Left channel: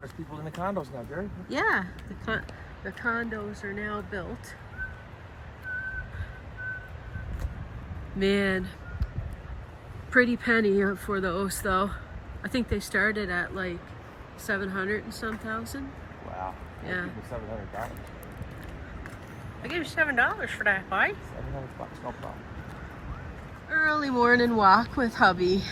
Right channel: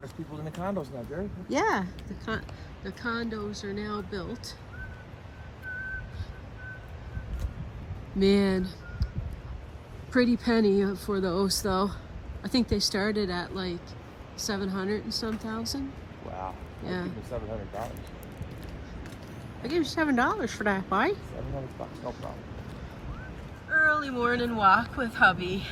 There's people in the condos now, Jerry. Yeah, the condos are now built. Man, pretty penny for those though. I think they started at like 700 and some thousand. Wow. Yeah. $700. I gave you $7 for that, why? $700, no problem. Early morning walk with hubby.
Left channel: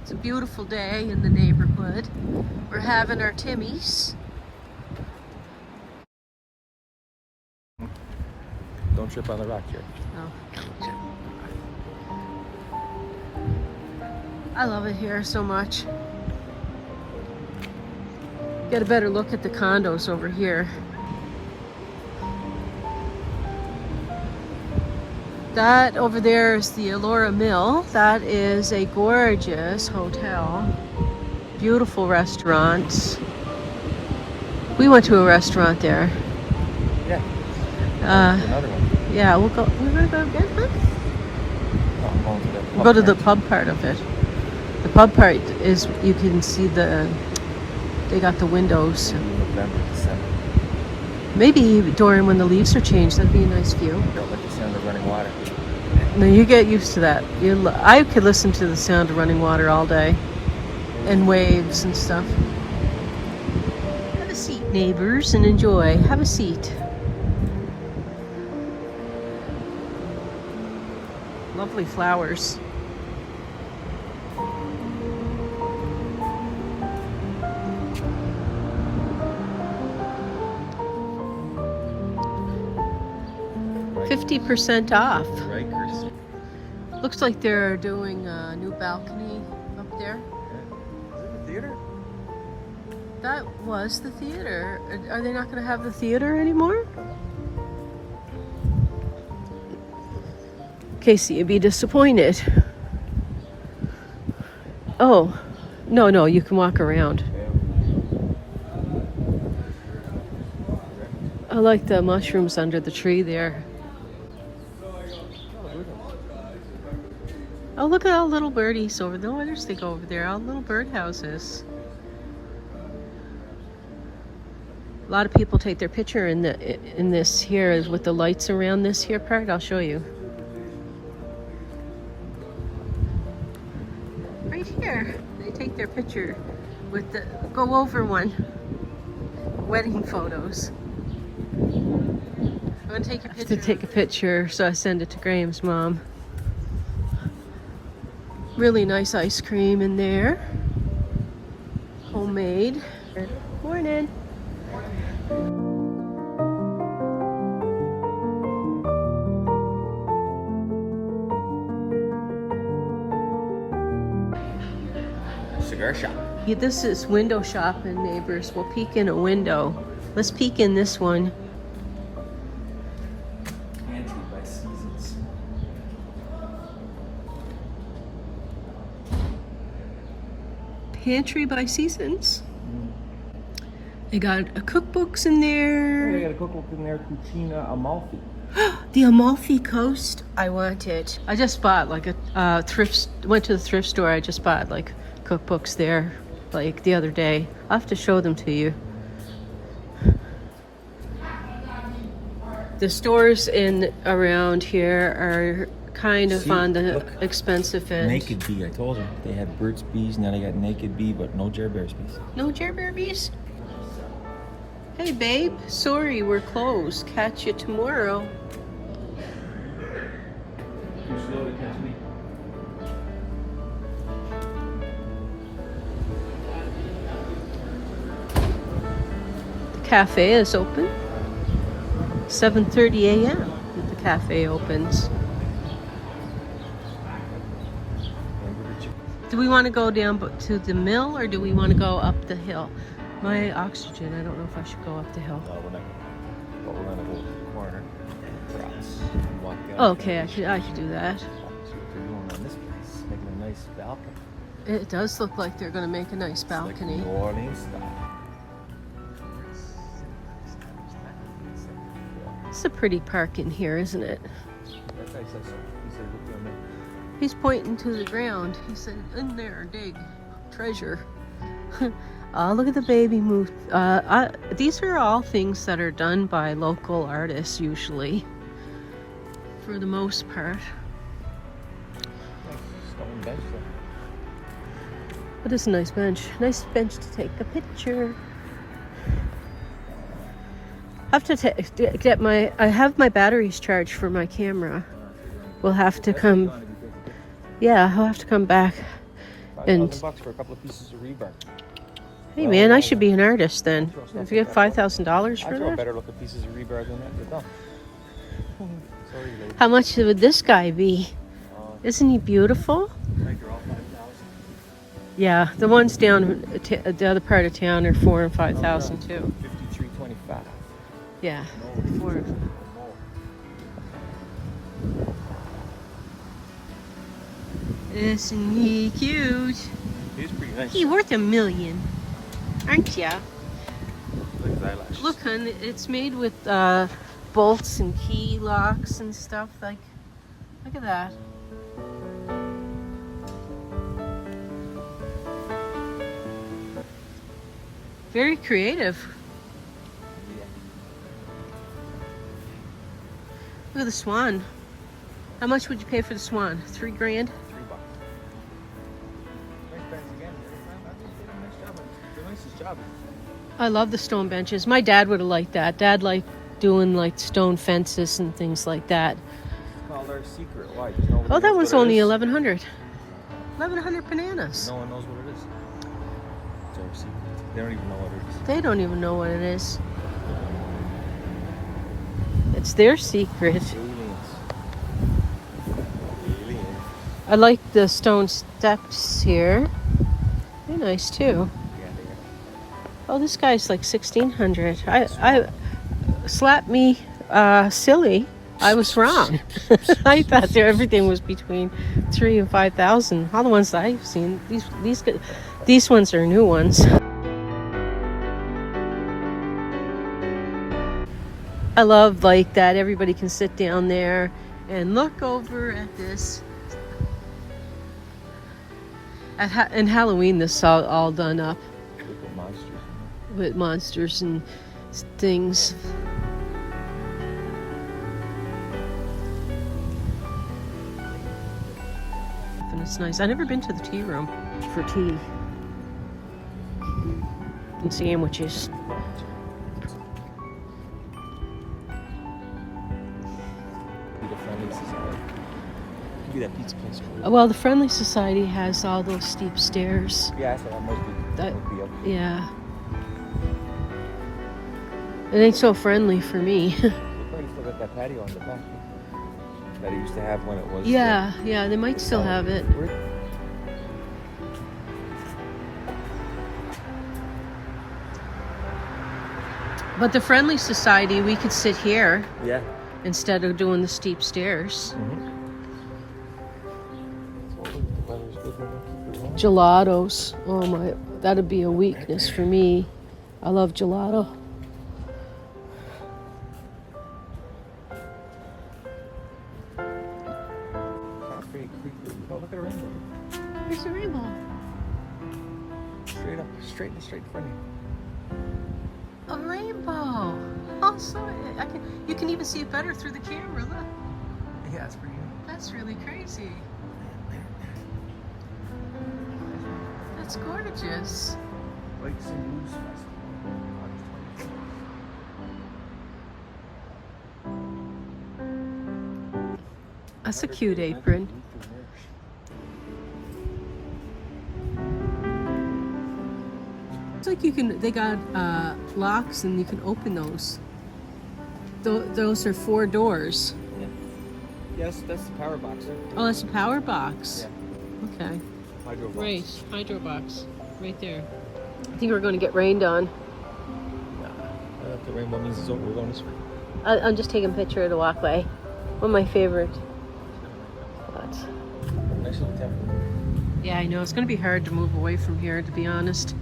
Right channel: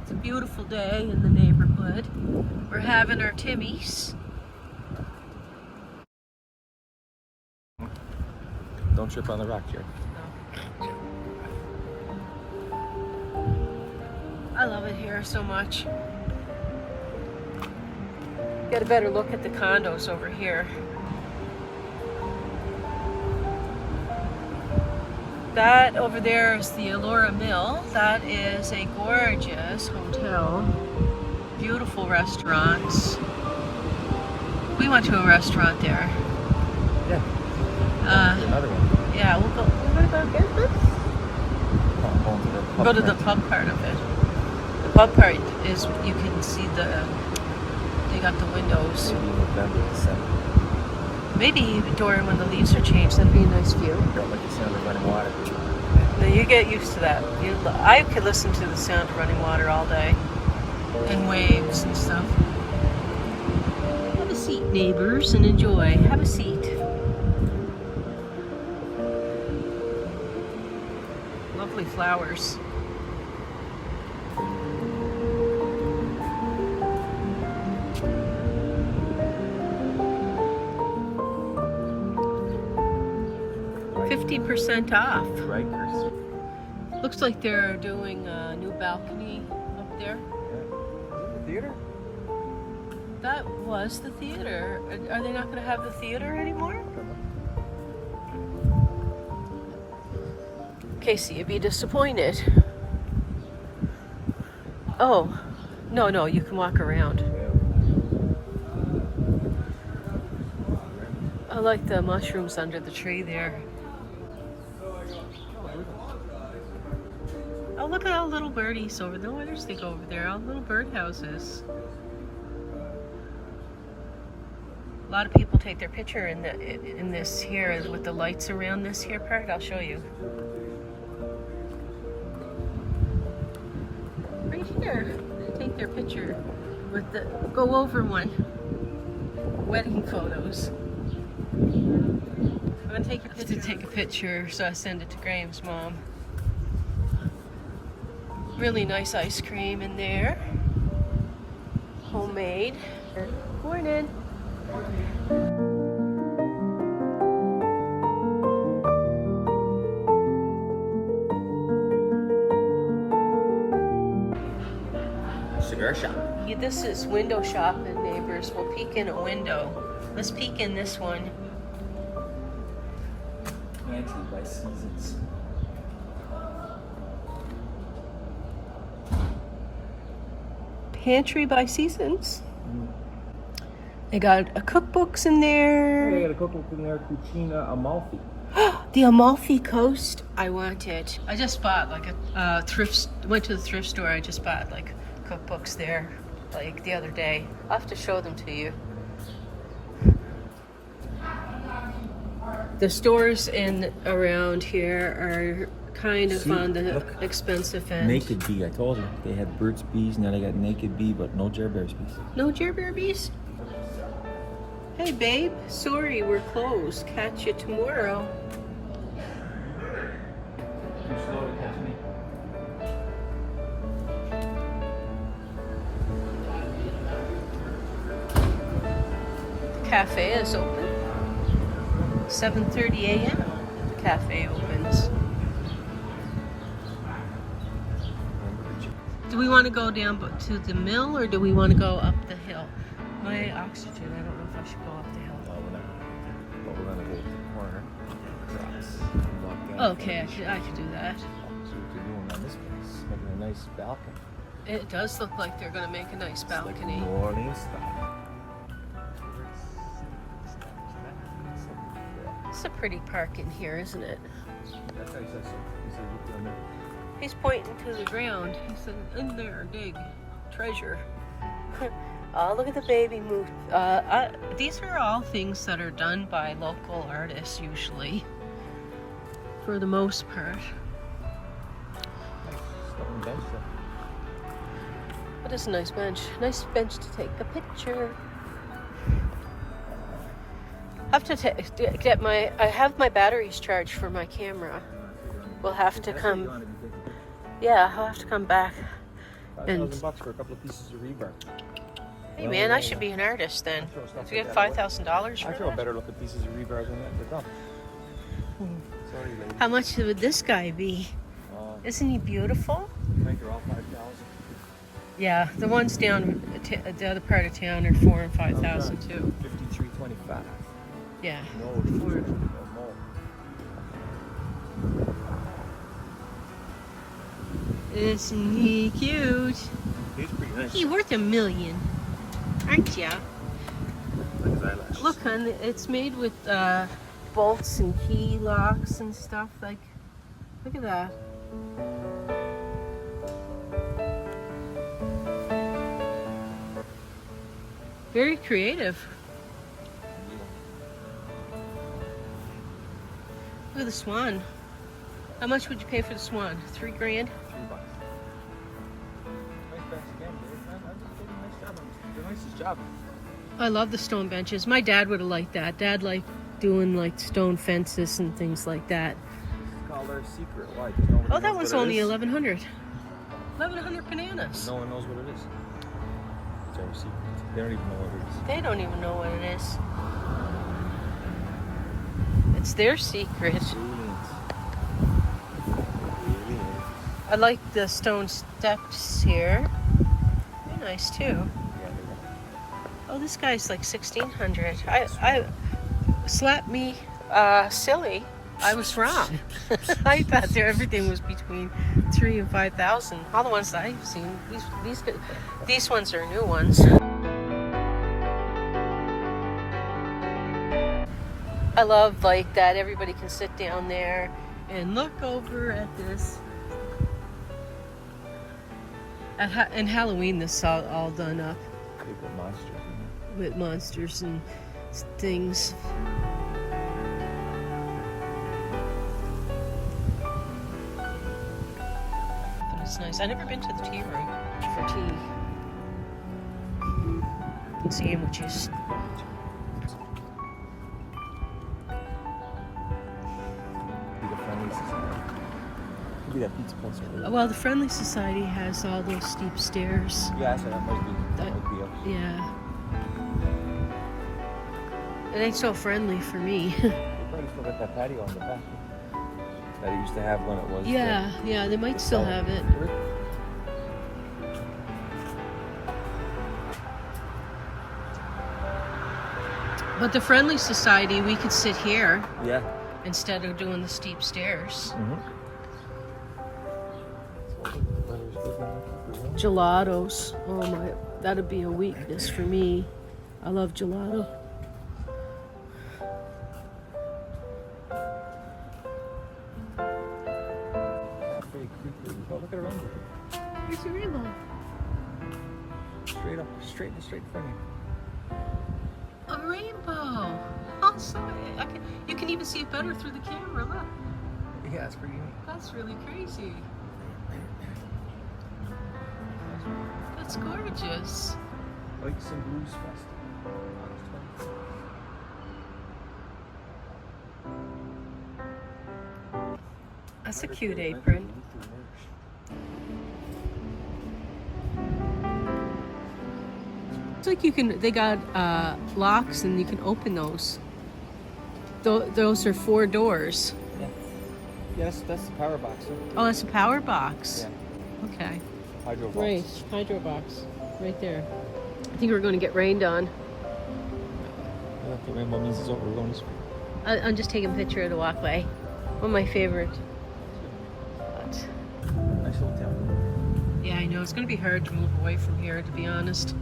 It's a beautiful day in the neighborhood. We're having our Timmies. Don't trip on the rock, Jerry. I love it here so much. Get a better look at the condos over here. That over there is the Elora Mill. That is a gorgeous hotel. Beautiful restaurants. We went to a restaurant there. Yeah. Another one. Yeah, we'll go. We'll go to the pub part of it. The pub part is you can see they got the windows. Maybe during when the leaves are changed, that'd be a nice view. No, you get used to that. I could listen to the sound of running water all day. And waves and stuff. Have a seat, neighbors, and enjoy. Have a seat. Lovely flowers. $50% off. Rikers. Looks like they're doing a new balcony up there. Theater? That was the theater. Are they not going to have the theater anymore? Casey, you'd be disappointed. Oh, no, you can walk around. I like the mushrooms under the tree there. Oh, look at all the little birdies over there. Where does they go over there? All the little bird houses. A lot of people take their picture in this here with the lights around this here part. I'll show you. Right here, they take their picture with the go over one. Wedding photos. I'm gonna take a picture. To take a picture, so I send it to Graham's mom. Really nice ice cream in there. Homemade. Morning. Cigar shop. Yeah, this is window shopping, neighbors. We'll peek in a window. Let's peek in this one. Pantry by Seasons. Pantry by Seasons. They got cookbooks in there. They got a cookbook in there, Cucina Amalfi. The Amalfi Coast. I want it. I just bought like a thrift. Went to the thrift store. I just bought like cookbooks there, like the other day. I'll have to show them to you. The stores in around here are kind of on the expensive end. Naked Bee, I told you. They had Burt's Bees, now they got Naked Bee, but no Jer Bears Bees. No Jer Bear Bees? Hey babe, sorry we're closed. Catch you tomorrow. Too slow to catch me. The cafe is open. 7:30 a.m. The cafe opens. Do we want to go down to the mill or do we want to go up the hill? My oxygen, I don't know if I should go up the hill. No, we're not. But we're gonna go to the corner. Across, and walk down. Okay, I should do that. See what they're doing on this place, making a nice balcony. It does look like they're going to make a nice balcony. Like New Orleans style. It's a pretty park in here, isn't it? That's how he said so. He said, look down there. He's pointing to the ground. He said, in there, dig, treasure. Oh, look at the baby move. These are all things that are done by local artists usually, for the most part. Nice stone bench there. But it's a nice bench. Nice bench to take a picture. I have to get my. I have my batteries charged for my camera. We'll have to come. Yeah, I'll have to come back. And $5,000 for a couple of pieces of rebar. hey, man, I should be an artist then. If you get $5,000 for I throw that. better looking pieces of rebar than that, but done. How much would this guy be? Isn't he beautiful? Yeah, the ones down the other part of town are 4,000 and 5,000 too. 53.25. Yeah. No. Isn't he cute? He's pretty nice. He's worth $1 million, aren't ya? Like his eyelashes. Look, hun, it's made with bolts and key locks and stuff. Like, look at that. Very creative. Look at the swan. How much would you pay for the swan? $3 grand? $3. Nice guys again. Nice job. The nicest job. I love the stone benches. My dad would have liked that. Dad liked doing like stone fences and things like that. It's called our secret. Why? Because nobody Oh, that knows was what it only is. 1,100. 1,100 bananas. No one knows what it is. It's our secret. They don't even know what it is. They don't even know what it is. It's their secret. Aliens. Aliens. I like the stone steps here. They're nice too. Yeah, they are. Oh, this guy's like 1,600. I slapped me silly. I was wrong. I thought everything was between 3,000 and 5,000. All the ones that I've seen, these ones are new ones. I love like that everybody can sit down there and look over at this. In Halloween, this is all done up They put monsters in with monsters and things. And it's nice. I've never been to the tea room for tea and sandwiches. Be the friendly society. Be that pizza place. Well, the Friendly Society has all those steep stairs. Yeah, so that must be. That might be up. Yeah. It ain't so friendly for me. They probably still got that patio on the back that it used to have when it was. Yeah, they might still have it. But the Friendly Society, we could sit here Yeah. instead of doing the steep stairs. Gelatos. Oh my, that'd be a weakness for me. I love gelato. Pretty creepy. Oh, look at a rainbow. There's a rainbow. Straight up, straight in front of you. A rainbow. Oh, so you can even see it better through the camera. Look. Yeah, it's pretty. That's really crazy. That's gorgeous. Lights and Blues Festival. That's a cute apron. It's like they got locks and you can open those. Those are 4 doors. Yeah. Yes, that's the power box. Huh? Oh, that's a power box. Yeah. Okay. Hydro box. Right, hydro box. Right there. I think we're going to get rained on. I thought the rainbow means it's over. We're going this way. I'm just taking a picture of the walkway. One of my favorite. Nice little temple. Yeah, I know. It's going to be hard to move away from here, to be honest.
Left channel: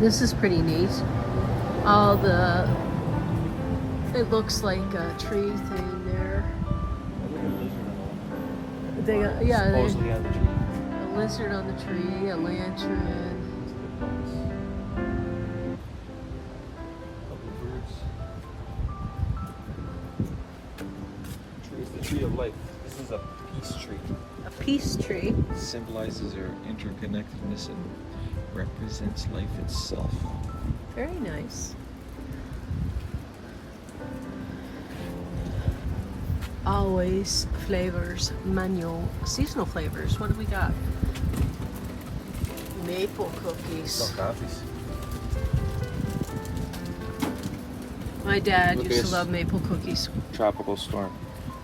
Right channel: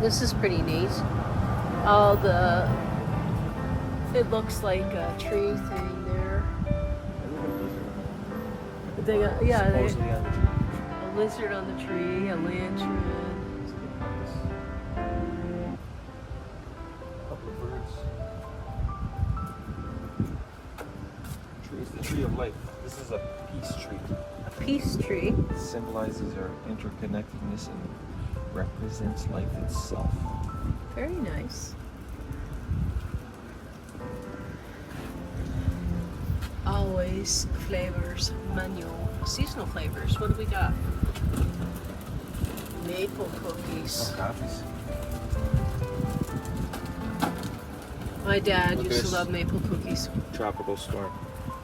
This is pretty neat. All the... It looks like a tree thing there. They got, yeah, supposedly out of the tree. lizard on the tree, a lantern. It's a good compass. A couple of birds. Tree is the tree of life. This is a peace tree. A peace tree. It symbolizes our interconnectedness and represents life itself. Very nice. Always flavors, manual, seasonal flavors. What do we got? Maple cookies. Some coffees. My dad Look at used to this. love maple cookies. Tropical storm.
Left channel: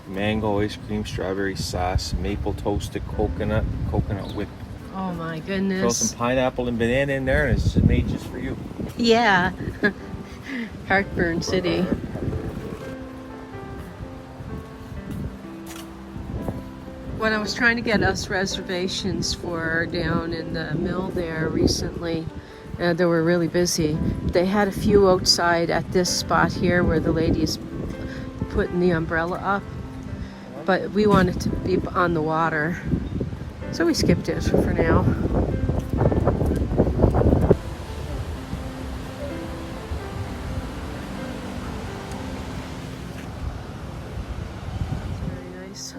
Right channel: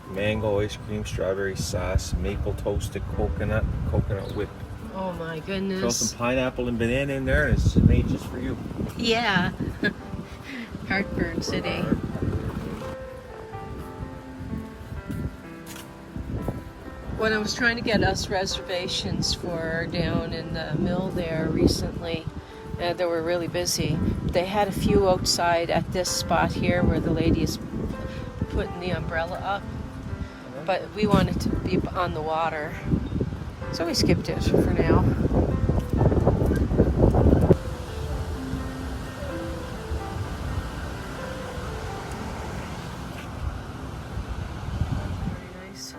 Mango ice cream, strawberry sauce, maple toasted coconut, coconut whip. Oh my Throw goodness. some pineapple and banana in there, and it's just made just for you. Yeah. Heartburn City. When I was trying to get us reservations for down in the mill there recently, they were really busy. They had a few outside at this spot here where the lady is putting the umbrella up, but we wanted to be on the water, so we skipped it for now. Very nice.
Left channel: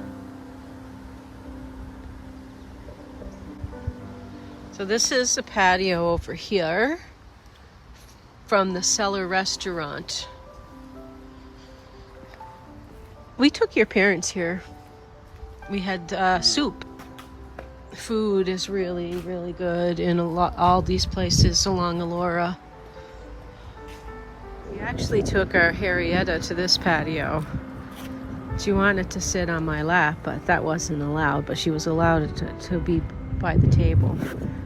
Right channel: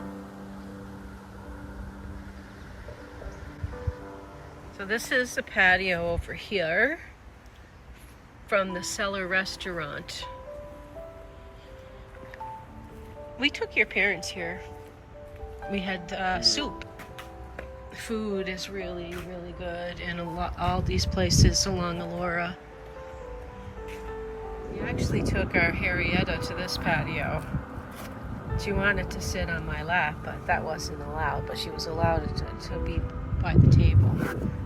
So this is the patio over here from the Cellar restaurant. We took your parents here. We had soup. Food is really, really good in all these places along Elora. We actually took our Harrietta to this patio. She wanted to sit on my lap, but that wasn't allowed. But she was allowed to be by the table,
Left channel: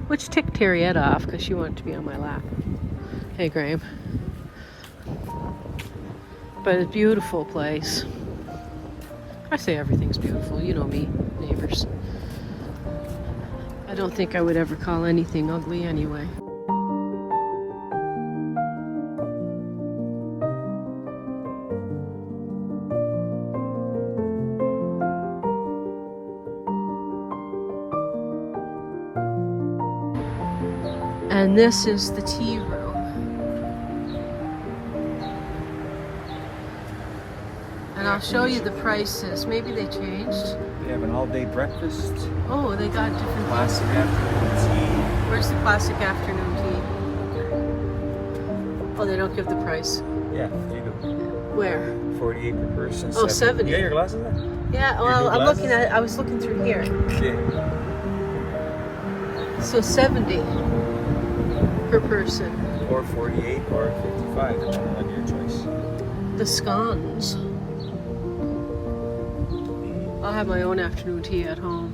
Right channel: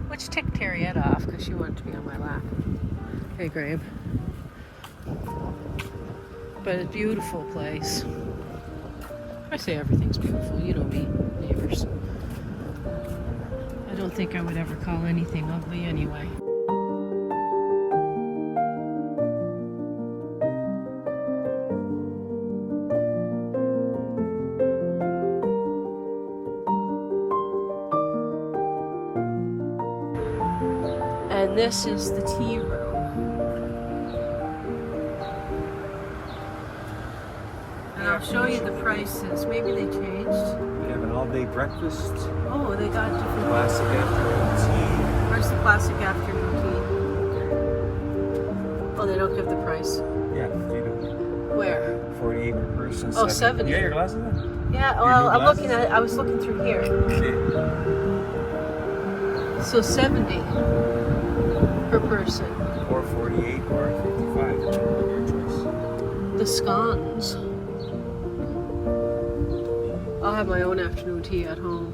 which ticked Harrietta off because she wanted to be on my lap. Hey, Graham. But a beautiful place. I say everything's beautiful. You know me, neighbors. I don't think I would ever call anything ugly anyway. And this is the tea room. And I'll show you the prices. Maybe they changed. They have an all-day breakfast, Oh, they got different. classic afternoon Where's the classic afternoon tea? Oh, they don't give the price. tea. Yeah, you do. Where? 48 per person. Oh, 70. You got your glasses there? Yeah, Your well, new I'm glasses? looking at it. I was looking through here. Yeah. So 70 per person. Or 48 or 55, depending on your choice. The scones. I'll have my own afternoon tea at home.